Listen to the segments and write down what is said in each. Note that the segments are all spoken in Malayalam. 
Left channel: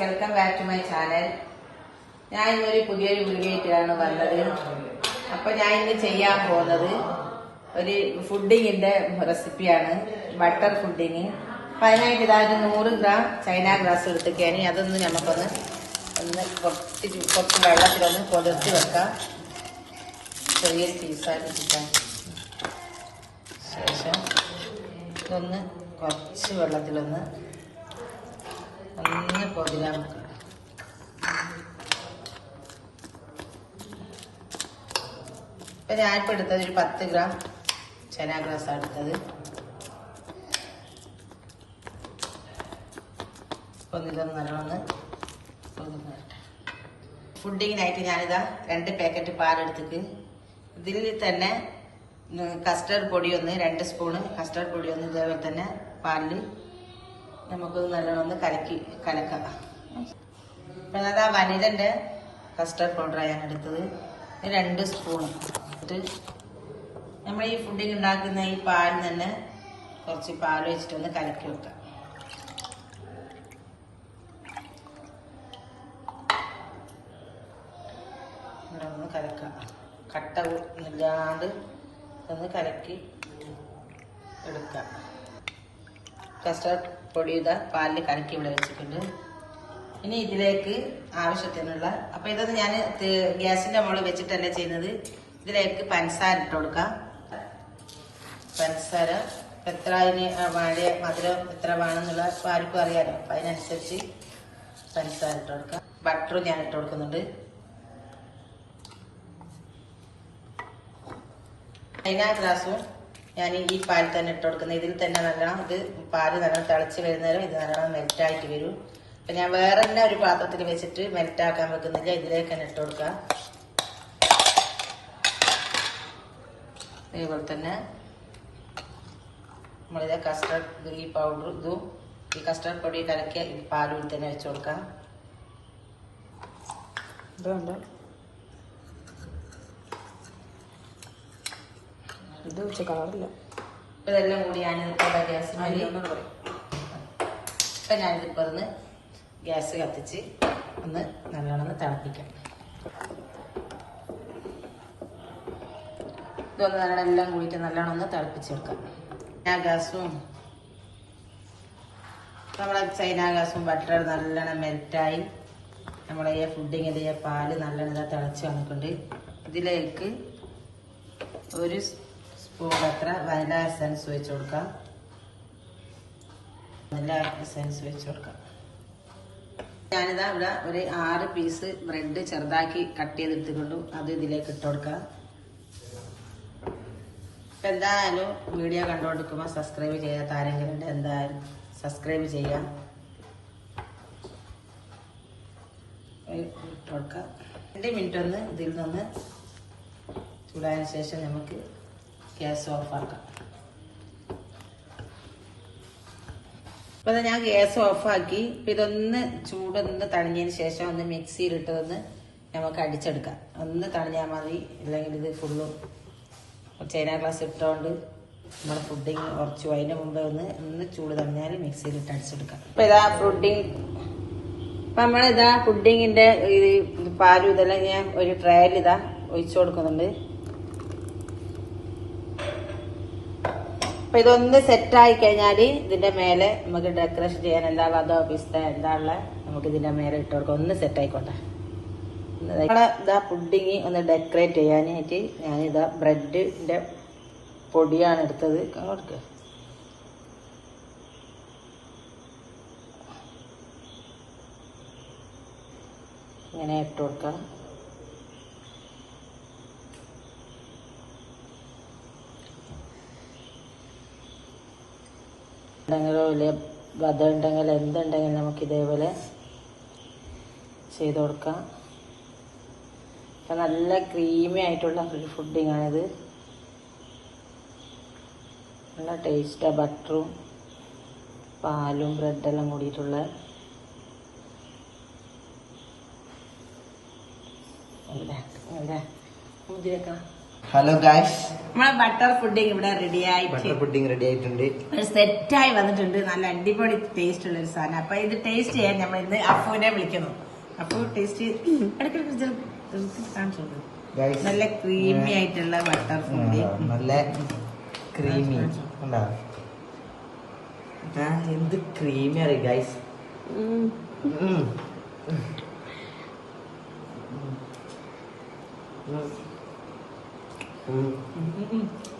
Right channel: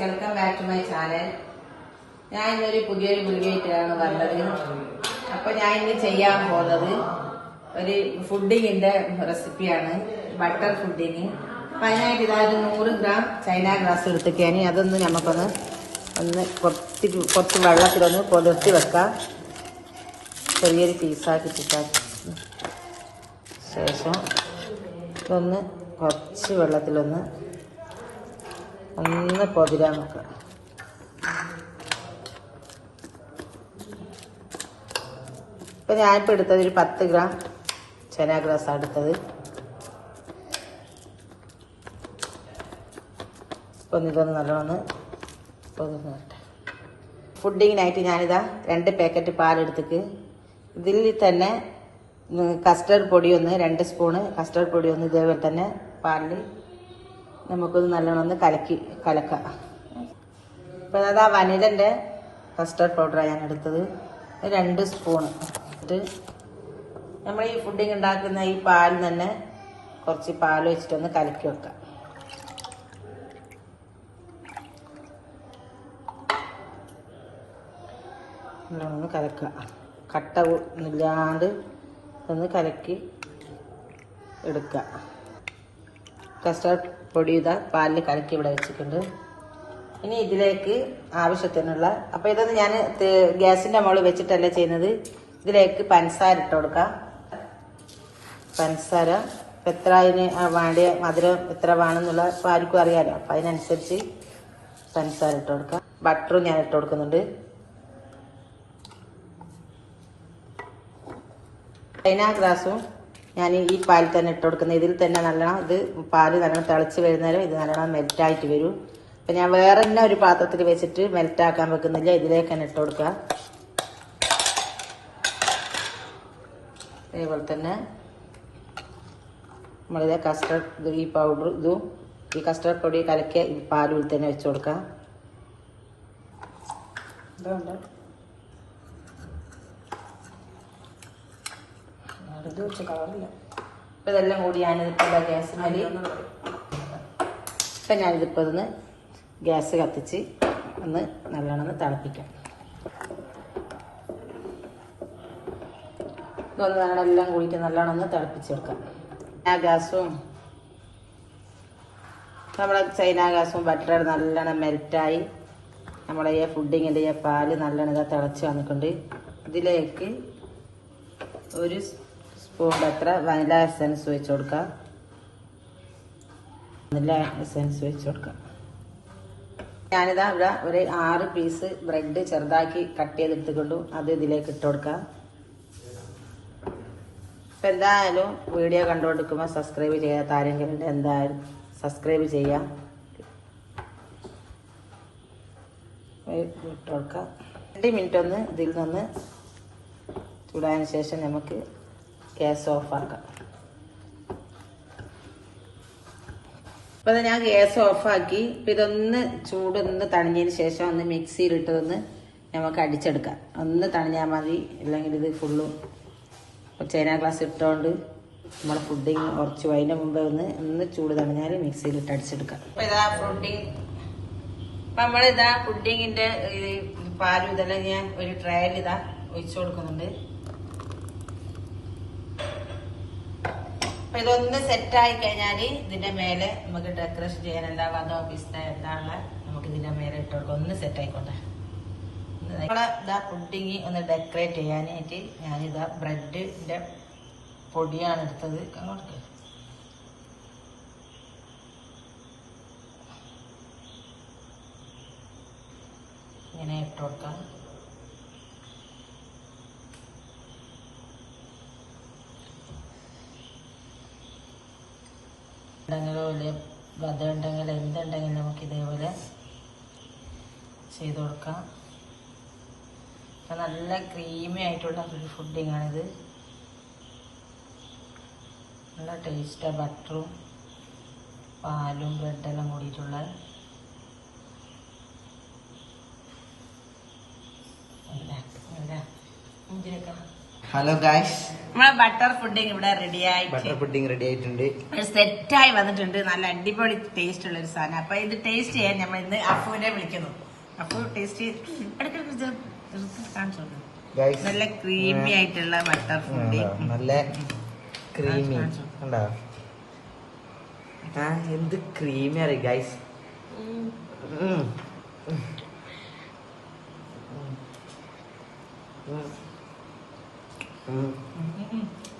Welcome back to my channel ഞാൻ ഇന്നൊരു പുതിയൊരു വീഡിയോ ആയിട്ടാണ് വന്നത്. അപ്പൊ ഞാൻ ഇന്ന് ചെയ്യാൻ പോകുന്നത് ഒരു ഫുഡിങ്ങിന്റെ റെസിപ്പിയാണ്. Butter pudding. അപ്പൊ അതിനായിട്ട് ഇതാ ഒരു നൂറ് ഗ്രാം ചൈന ഗ്രാസ് എടുത്തിട്ടാണ് അതൊന്ന് നമുക്കൊന്ന് ഒന്ന് കുറച്ച് കുറച്ച് വെള്ളത്തിലൊന്ന് പൊതിർത്തി വെക്കാം. ചെറിയൊരു പീസാക്കി ശേഷം ഇതൊന്ന് കുറച്ച് വെള്ളത്തിലൊന്ന് ഒന്ന് പൊതിരാൻ വെക്കുക ഇപ്പൊ ഞാനിപ്പോ എടുത്തത് ഒരു പത്ത് ഗ്രാം ചെന ഗ്രാസ് എടുത്തത്. പൊന്നിതൊന്ന് നല്ലോണം പൊതിർന്നിട്ട് ഫുഡിങ്ങിനായിട്ട് ഞാനിതാ രണ്ട് പാക്കറ്റ് പാലെടുത്തിട്ട് ഇതിൽ തന്നെ കസ്റ്റർഡ് പൊടി ഒന്ന് രണ്ട് സ്പൂണ് കസ്റ്റർഡ് പൊടി ഒന്ന് ഇതേപോലെ തന്നെ പാലിൽ നമുക്കൊന്ന് നല്ലോണം കലക്കി കലക്കാം. ഇപ്പം ആ വനിലന്റെ കസ്റ്റർഡ് പൗഡറാണ് ഞാൻ എടുത്തത്. ഇത് രണ്ട് സ്പൂൺ എന്നിട്ട് നമ്മൾ ഈ ഫുഡിങ് ഉണ്ടാക്കുന്ന ഈ പാൽ തന്നെ കുറച്ച് പാൽ വെച്ചിട്ടൊന്ന് കലക്കി വെക്കാം. ഒന്ന് കലക്കുക കട്ട ഇല്ലാണ്ട് ഒന്ന് കലക്കി എടുക്കുക കസ്റ്റർഡ് പൊടി ഇതാ പാലിൽ കലക്കി ഇവിടെ വെച്ചിട്ടുണ്ട്. ഇനി ഇതിലേക്ക് ആവശ്യത്തിനുള്ള അപ്പൊ ഇതൊന്ന് ഞാൻ ഗ്യാസിന്റെ മുകളിൽ വെച്ചിട്ടല്ല ചെയ്യുന്നത്. ഇതിലേക്ക് പഞ്ചസാര ഇട്ട് കൊടുക്കാം. പഞ്ചസാര എത്ര അതിന് വാടിയ മധുരം എത്ര വേണമെന്നുള്ള ആർക്കും അറിയാലോ. അപ്പൊ അതിനനുസരിച്ച് പഞ്ചസാര ഇട്ട് കൊടുക്കാം. ബട്ടറും ഞാൻ ഇട്ട് കൊടുക്കുന്നുണ്ട്. അതിനാ ഗ്ലാസും ഞാൻ ഈ പാൽ തന്നെ ഇട്ട് കൊടുക്കുന്നത്. ഇതിൽ തന്നെ നല്ലോണം ഇത് പാൽ നല്ലോണം തിളച്ച് വരുന്നേരം ഇത് നല്ലോണം മെൽറ്റായിട്ട് വരും. അപ്പൊ ഞാൻ വേറെ തന്നെ ഒരു പാത്രത്തിൽ വെച്ചിട്ട് മെൽറ്റാക്കാൻ വെക്കുന്നില്ല. ഇതിലേക്ക് തന്നെ ഇട്ട് കൊടുക്കുക. അതേപോലെ തന്നെ നമ്മളിത് കസ്റ്റർഡ് ഈ പൗഡർ ഇതും ഈ കസ്റ്റർഡ് പൊടി കലക്കിയ ഈ പാലും തന്നെ വെച്ച് കൊടുക്കാം ഇതുണ്ട് ഇപ്പൊ ഇതെല്ലാം കൂടി ഞാനിതിപ്പോൾ ഗ്യാസ് മരി ഇപ്പൊ ഞാനിതിപ്പോ ഒന്ന് ഗ്യാസ് കത്തിച്ച് ഒന്ന് നല്ലോണം തിളപ്പിക്കാം. ഇതൊന്ന് നല്ലോണം എല്ലാം കൂടിയിട്ട് നല്ലോണം ഒന്ന് തിളപ്പിച്ചെടുക്കാം. ആ ഗ്യാസും നമ്മളെ ചൈന ഗ്യാസും ബട്ടർ നല്ലോണം മെൽറ്റായി. നമ്മളെ ഈ ഫുഡിങ്ങിന്റെ ഈ പാൽ നല്ലോണം ഇതാ തിളച്ച് വന്നിട്ടുണ്ട്. ഇതിലേക്ക് ഒരു സ്പൂൺ അത്ര വനില എസൻസ് വെച്ച് കൊടുക്കുക വനില എസൻസ് വെച്ച് കൊടുക്കുക ഞാനിതാ ഇവിടെ ഒരു ആറ് പീസ് ബ്രെഡ് ചെറുതാക്കി കട്ട് ചെയ്തെടുത്തുകൊണ്ടു അത് ഇതിലേക്ക് ഇട്ട് കൊടുക്കാം. ഇപ്പം എന്തായാലും വീഡിയോ കണ്ടുകൊടുക്കുമ്പോൾ സബ്സ്ക്രൈബ് ചെയ്യാത്ത ആരെങ്കിലും എന്തായാലും സബ്സ്ക്രൈബ് ചെയ്യാം. ഇട്ട് കൊടുക്കാം. രണ്ട് മിനിറ്റ് ഒന്ന് ഇതിൽ നിന്ന് ചൂടായതിനു ശേഷം നമുക്ക് ഗ്യാസ് ഓഫാക്കാം അപ്പൊ ഞാൻ ഗ്യാസ് ഓഫാക്കി ഇതൊന്ന് ചൂടൊന്ന് തണിഞ്ഞതിന് ശേഷം ഒന്ന് മിക്സിയിൽ ഇട്ടതൊന്ന് നമുക്ക് അടിച്ചെടുക്കാം. ഒന്ന് തണിഞ്ഞാൽ മതി. അല്ലെങ്കിൽ ഇത് ഫുള്ള് ചേന ഗ്ലാസ് ഇട്ടുകൊണ്ട് നമ്മുടെ ഫുഡിങ് കുറച്ച് അതിന് മുമ്പ് ഒന്ന് ഒന്ന് ചൂട് തണിഞ്ഞാൽ മിക്സിയിലിട്ട് അടിച്ചെടുക്കാം. അപ്പൊ ഇതാ ഫുഡിങ് അപ്പൊ നമ്മളിതാ ഫുഡിങ്ങിന്റെ ഈ പാലും ഇതെല്ലാം ഞാൻ ഒരു ട്രയൽ ഇതാ ഒഴിച്ചു കൊടുക്കുന്നുണ്ട്. അപ്പൊ ഇതൊന്ന് സെറ്റ് ആയി കഴിഞ്ഞാൽ ഇതിന്റെ മേലെ നമുക്ക് ഡെക്കറേഷൻ ചെയ്യാൻ എന്താ വധോ പിസ്ത എന്താ ഉള്ള നമുക്ക് ഇതിന്റെ മേലെ ഇട്ട് കൊടുക്കാം. ഒന്ന് സെറ്റ് ആയിക്കോട്ടെ. നമ്മളെ ഇതാ പുഡിങ് ഒന്ന് ഡെക്കറേറ്റ് ചെയ്യാനായിട്ട് ഞാൻ ഇതാ ബ്രെഡിന്റെ പൊടിയാണ് എടുത്തത്. അങ്ങോട്ട് ഇങ്ങനെ ഇട്ട് കൊടുക്കാം. ഉണ്ടെങ്കിലോ ഇല്ലേ വധ ഉണ്ടെങ്കിൽ എന്തുണ്ടെങ്കിലും നമുക്ക് ഇതേപോലെ ചെയ്ത് കൊടുക്കാം. നല്ല ക്രീമി ആയിട്ടുള്ള ഒരു ഫുഡിങ് ആണിത്. നല്ല ടേസ്റ്റാ ബട്ടറും പാലും ബ്രെഡെല്ലാം കൂടിയിട്ടുള്ള. ഇല്ല, ഇല്ല. മുന്തിരിയൊക്കെ ഹലോ ഗായ്സ് നമ്മളെ ബട്ടർ പുഡിംഗ് ഇവിടെ റെഡി ആയി. ബട്ടർ പുഡിംഗ് റെഡി ആയിട്ടുണ്ട്. സെറ്റായി വന്നിട്ടുണ്ട്. നല്ല അടിപൊളി ടേസ്റ്റ് ഉള്ള ഒരു സാധനം. അപ്പൊ ഇത് ടേസ്റ്റ് ചെയ്യാൻ നമ്മൾ ഇന്ന് അപ്പുവിനെ വിളിക്കുന്നു. അപ്പു ടേസ്റ്റ് നല്ല ക്രീമി ആയിട്ടുള്ള ബട്ടർ പുഡിംഗ് നല്ല ക്രീമി എന്ത് ക്രീമി അറിയ ഗൈസ്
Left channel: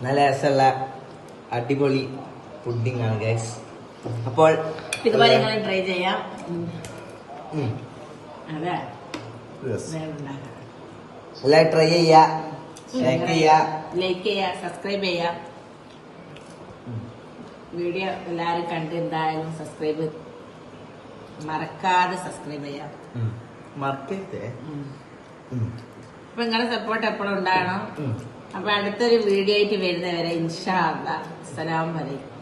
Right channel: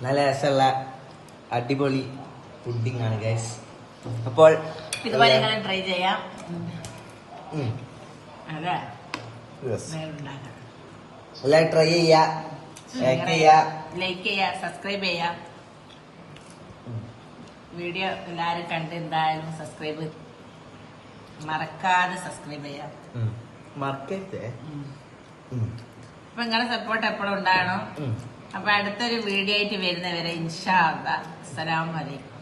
നല്ല രസമുള്ള അടിപൊളി പുഡിംഗ് ആണ് ഗൈസ് അപ്പോൾ ഇതുപോലെ നിങ്ങൾ ട്രൈ ചെയ്യാം. അതെ എല്ലാവരും ട്രൈ ചെയ്യാ. ലൈക്ക് ചെയ്യാ. സബ്സ്ക്രൈബ് ചെയ്യുക വീഡിയോ എല്ലാരും കണ്ട് എന്തായാലും സബ്സ്ക്രൈബ് മറക്കാതെ സബ്സ്ക്രൈബ് ചെയ്യാം. മറക്കേ അപ്പൊ നിങ്ങളുടെ സപ്പോർട്ട് എപ്പോഴും ഉണ്ടാകണം. അപ്പൊ അടുത്തൊരു വീഡിയോ ആയിട്ട് വരുന്നവരെ ഇൻഷാ അസ്സലാമലൈക്കും